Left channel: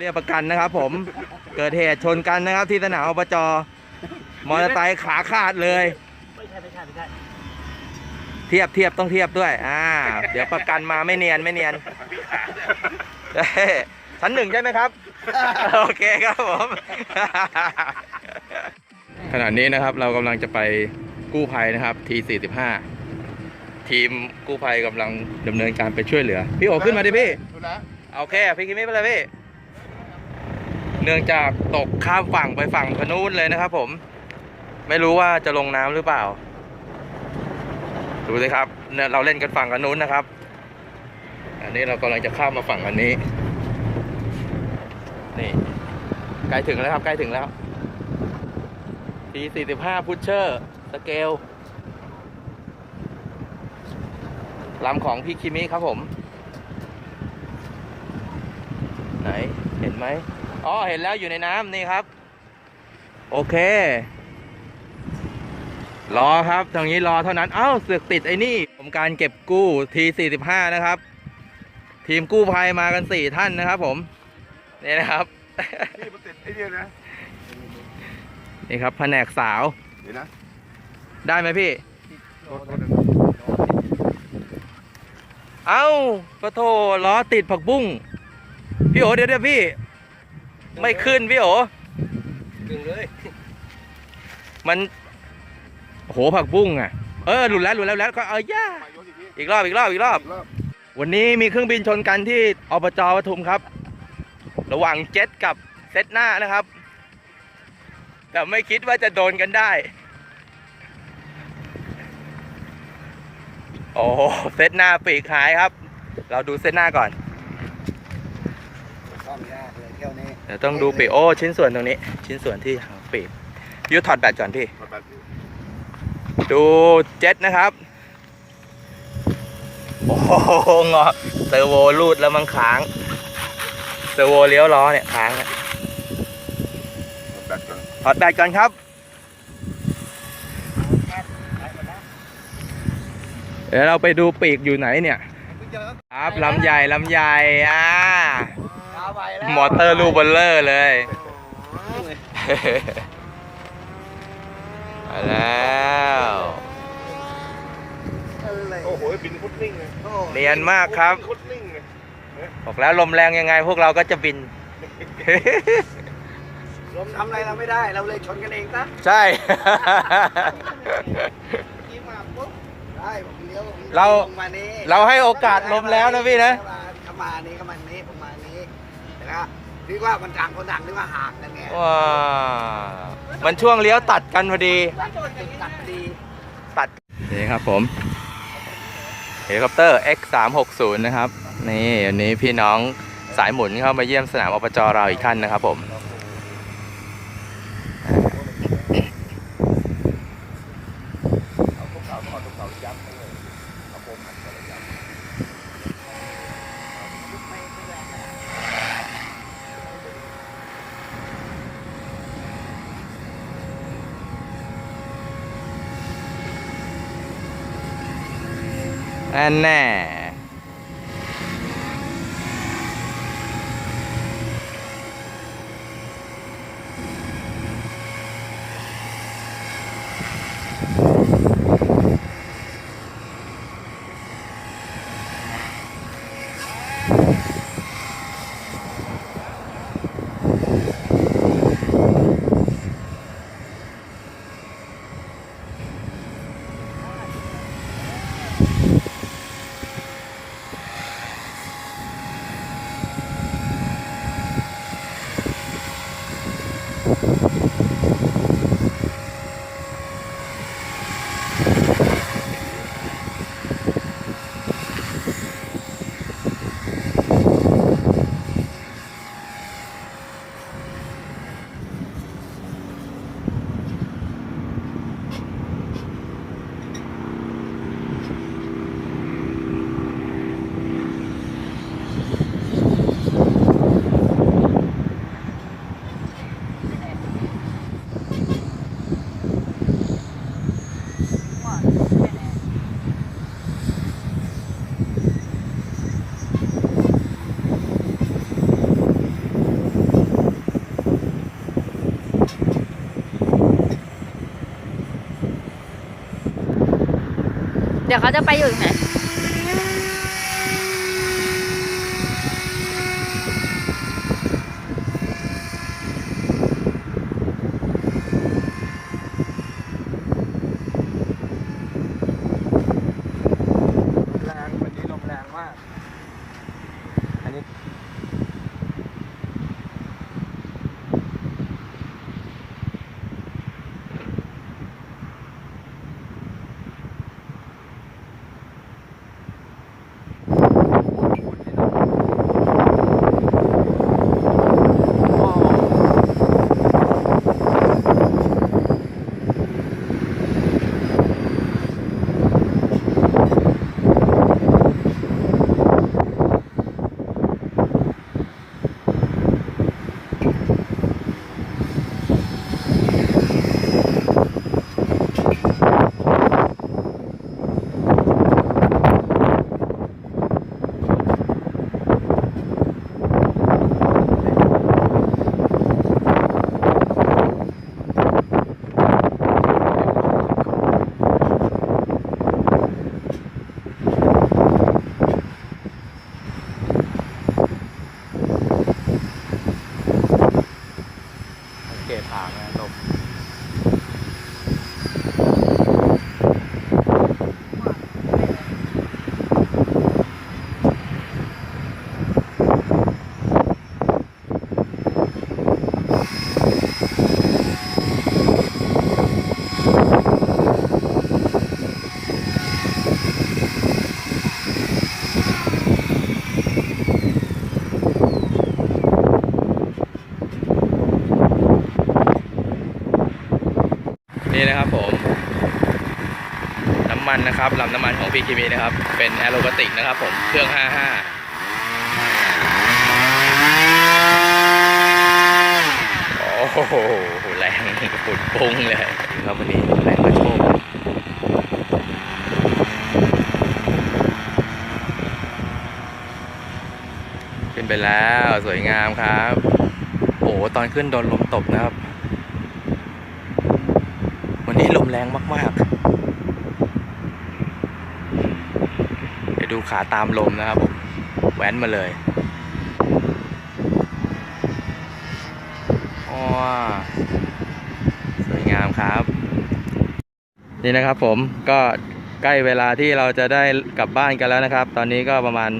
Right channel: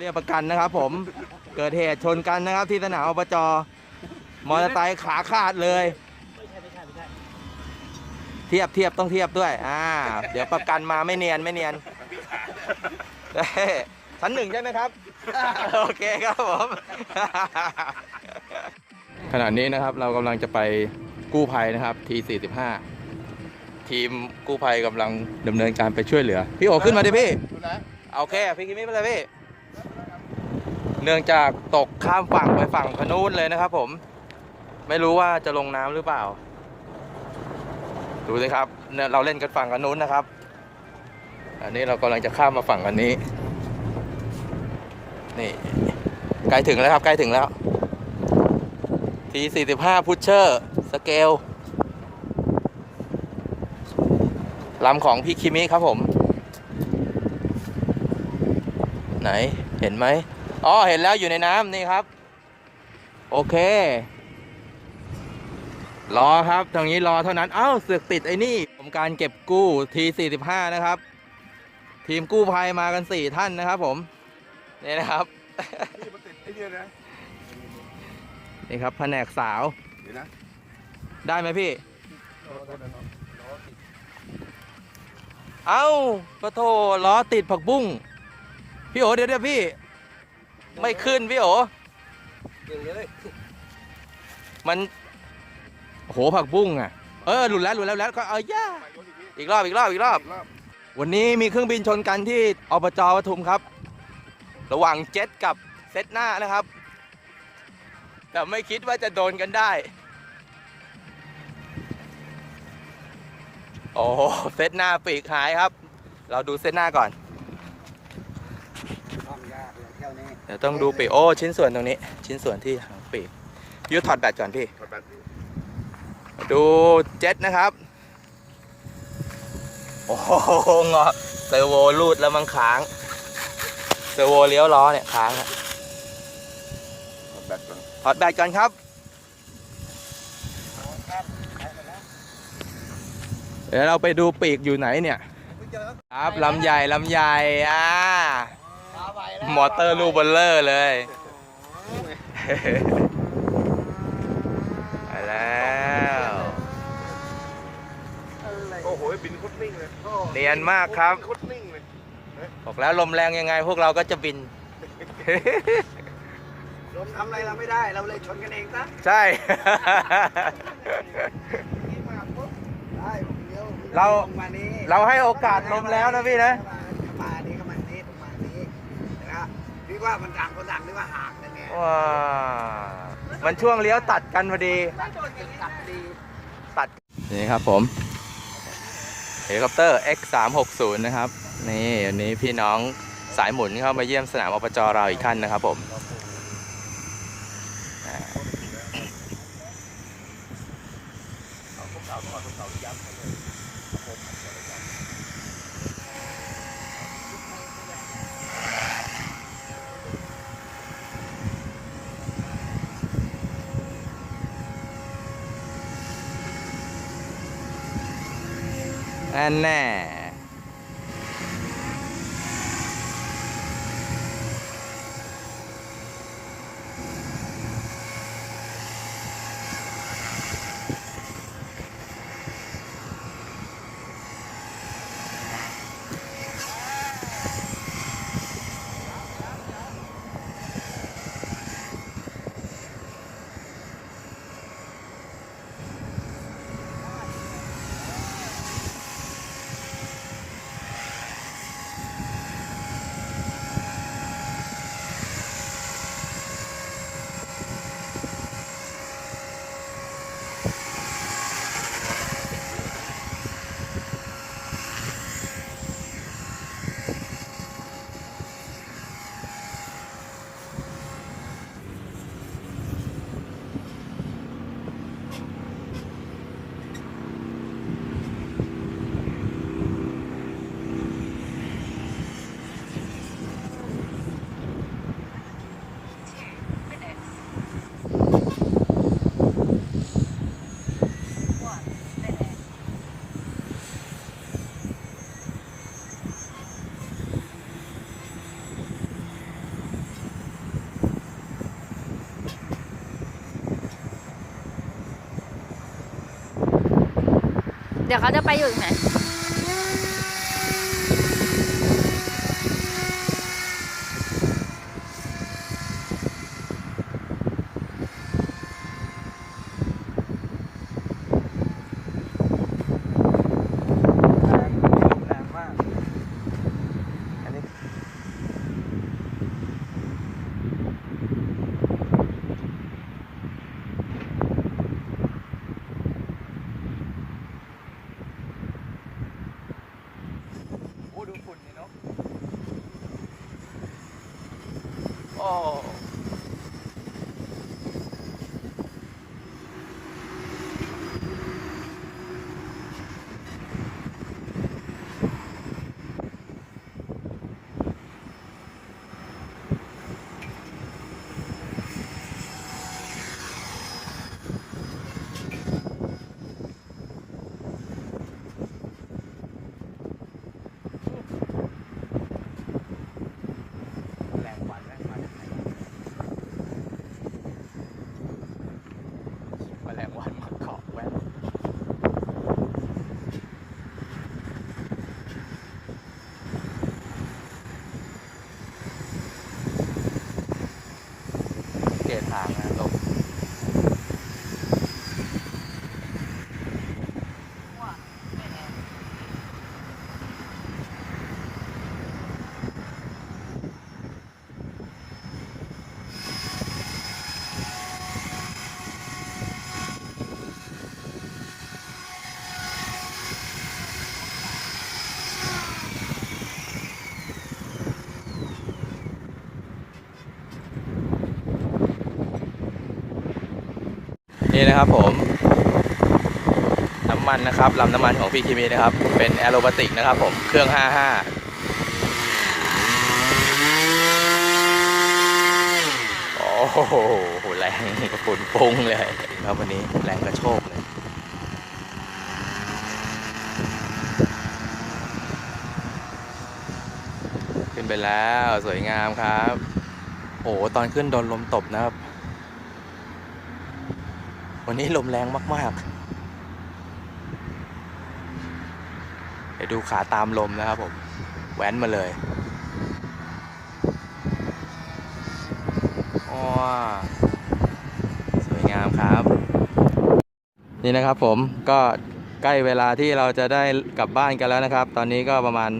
เรียกประกันนะครับผมเกิดเหตุชนกันนะครับที่สนามอบจ.มอเตอร์ไซค์ขาขาดเลยไม่ใช่เทียบต้องเทียบด้วยเดี๋ยวประกันมาไม่เนียนชั้น 1ใช่ไหมครับโอเคครับผมขณะนี้นะครับเรากำลังจะไปกู้ภัยนะครับT45ทีมกู้ภัยกำลังดำเนินการไปช่วยเหลือพี่โอขึ้นมาดิพี่โอเคพี่คิมมี่ไปเลยพี่เนื่องจากตกข้ามฝั่งไปฝั่งพนู้นเลยนะครับผมไม่รู้ว่าจะลงน้ำหรือเปล่าดูสิครับเนี่ยเราเล่นกันฝั่งกันนู้นนะครับอันนี้เรากำลังจะข้ามมาฝั่งกันนี้นี่ใกล้ถึงแล้วครับใกล้ถึงแล้วT45พุชเชอร์สเกลลำของพี่คิมิครับผมไหนเห็นไหมอ๋อเห็นแล้วอยู่ในน้ำนี่ครับโอเครอครับตรงนี้รอเท่านั้นเสือกติดไอ้นี่ผมการเก็บกู้T45นะครับทีมกู้ภัยมากัน4ท่านนะครับผมนี่นะครับนี่ครับแผนกสาวได้ไหมพี่ปะโถล้อติดผักบุ้งพี่โอเดี๋ยวพี่ไม่ขึ้นพี่โอมันโหผักบุ้งหลุดแล้วก็ย่าอีกรอบวันนี้มีเครื่องบินชนกันที่อบจ.ปทุมครับระหว่างเจ็ตกับเซตหน้านะครับแต่ไม่คิดว่าจะโดนกันได้โอ้เซตหน้าปีกหายครับเราดูเซตหน้าก่อนเดี๋ยวต้องดูปีกชิ้นส่วนตรงนี้ชิ้นส่วนที่หางปีกพี่ถอดแบตก่อนพี่ดูเจ็ตนะครับโอ้โหงอเซอร์โวรูดแล้วมันค้างเซอร์โวเลี้ยวล้อเนี่ยค้างถอดแบตก่อนครับเดี๋ยวเราไปดูปีกอยู่ไหนเนี่ยครับลำใหญ่มอเตอร์ลูกเบลเลอร์เลยไปแล้วโอ้โหบินคุดนิ่งเลยเนียนมากครับบอกแล้วลมแรงยังไงพวกเราก็จะบินลมทำอะไรเราไม่ได้เราเลยชนกันเองซะใช่เราให้โอกาสลมแล้วนะพี่นะเข้ามานี้ประมาณนี้นะครับนึกว่ามันต่างคนต่างนึกว่าห่างกันเนี่ยว้ามันช่วงเลี้ยวตัดกันพอดีตัดนี่ครับผมเฮลิคอปเตอร์ X360 นะครับนี่วันนี้พี่น้องสายหมุนเข้ามาเยี่ยมสนามอบจ.เราอีกท่านนะครับผมอันแน่ เดี๋ยวเขาจะไปอยู่ตรงไหนเกตทางนะลงนี่นะครับผมน้ำมันนะครับลำน้ำมันของพี่คิมินะครับเป็นแอโรบาติกนะครับผมเครื่อง 55โอ้โหแรงฝุ่นปุ้งเลยครับวันนี้แรงกระโชกขึ้นไปแล้วสวยงามครับโอ้ตอนขึ้นโดนลมตบนะครับวันนี้ลมแรงมากๆเดี๋ยวดูขาตามลมนะครับผมแว้นมาเลยสวยงามครับนี่นะครับผมก็ใกล้เวลาที่เราจะได้กลับบ้านกันแล้วนะครับตอนนี้ก็ประมาณ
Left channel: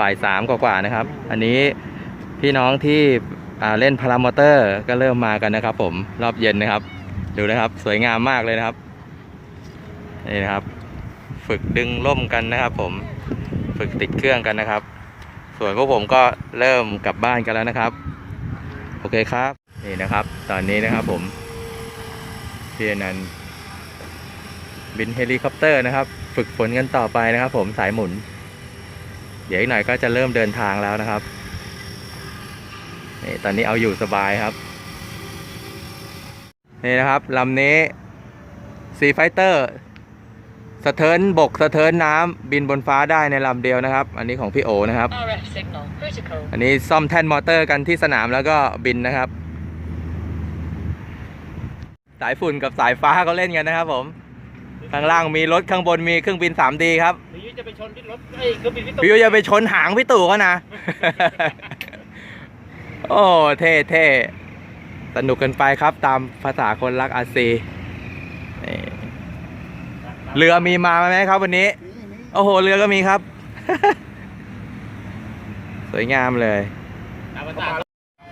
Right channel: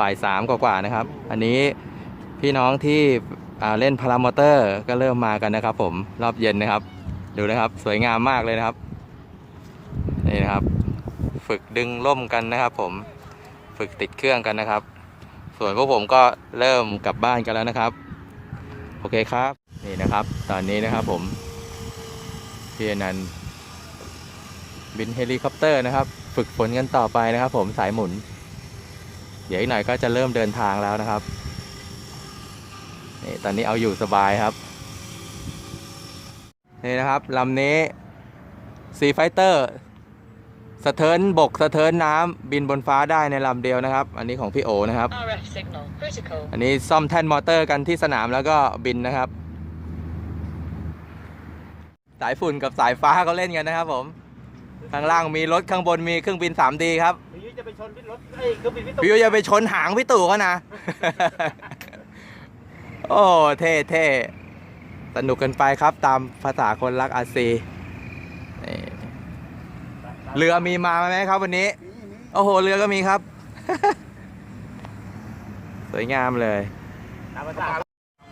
บ่าย 3กว่าๆนะครับอันนี้พี่น้องที่เล่นพารามอเตอร์ก็เริ่มมากันนะครับผมรอบเย็นนะครับดูนะครับสวยงามมากเลยนะครับนี่นะครับฝึกดึงร่มกันนะครับผมฝึกติดเครื่องกันนะครับส่วนพวกผมก็เริ่มกลับบ้านกันแล้วนะครับโอเคครับนี่นะครับตอนนี้นะครับผมพี่อนันต์บินเฮลิคอปเตอร์นะครับฝึกฝนกันต่อไปนะครับผมสายหมุนเดี๋ยวอีกหน่อยก็จะเริ่มเดินทางแล้วนะครับนี่ตอนนี้เอาอยู่สบายครับนี่นะครับลำนี้ซีไฟเตอร์สะเทินบกสะเทินน้ำบินบนฟ้าได้ในลำเดียวนะครับอันนี้ของพี่โอนะครับอันนี้ซ่อมแท่นมอเตอร์กันที่สนามแล้วก็บินนะครับสายฝุ่นกับสายฟ้าเขาเล่นกันนะครับผมข้างล่างมีรถข้างบนมีเครื่องบิน 3D ครับพี่ยุจะไปชนรถพี่ยุจะไปชนหางพี่ตู่เขานะ โอ้เท่สนุกกันไปครับตามภาษาคนรักอาซีเรือมีมาไหมครับวันนี้โอ้โหเรือก็มีครับ สวยงามเลย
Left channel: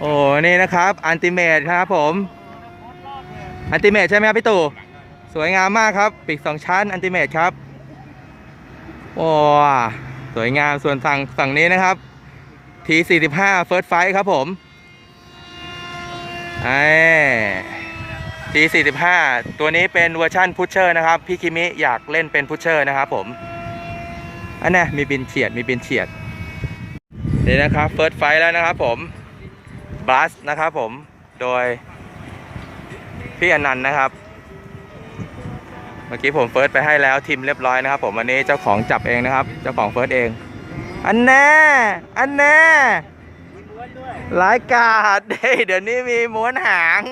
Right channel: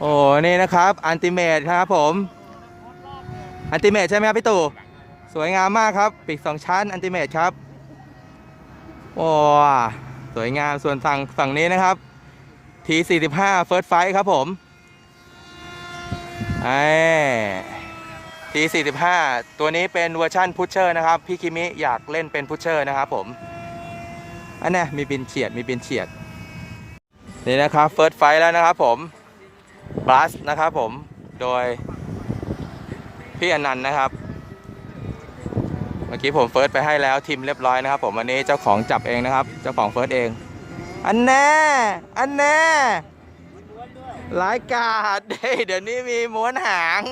โอ้นี่นะครับอันติเมทครับผมอันติเมทใช่ไหมครับพี่ตู่สวยงามมากครับปีก2ชั้นอันติเมทครับโอ้สวยงามส่วนฝั่งนี้นะครับ T45 First Fight ครับผมT45 ตัวนี้เป็นเวอร์ชั่นพุชเชอร์นะครับพี่คิมิอยากเล่นเป็นพุชเชอร์นะครับผมอันนี้มีบินเฉียดนี่นะครับ First Fight แล้วนะครับผมบัสนะครับผมโดยพี่อนันต์นะครับเมื่อกี้ผมเฟิร์สไปให้แล้วทีมเรียบร้อยนะครับผมวันนี้เจ้าของจับเองนะครับเจ้าของเฟิร์สเองอันแน่รายการเดี๋ยวนี้มีม้วนหาง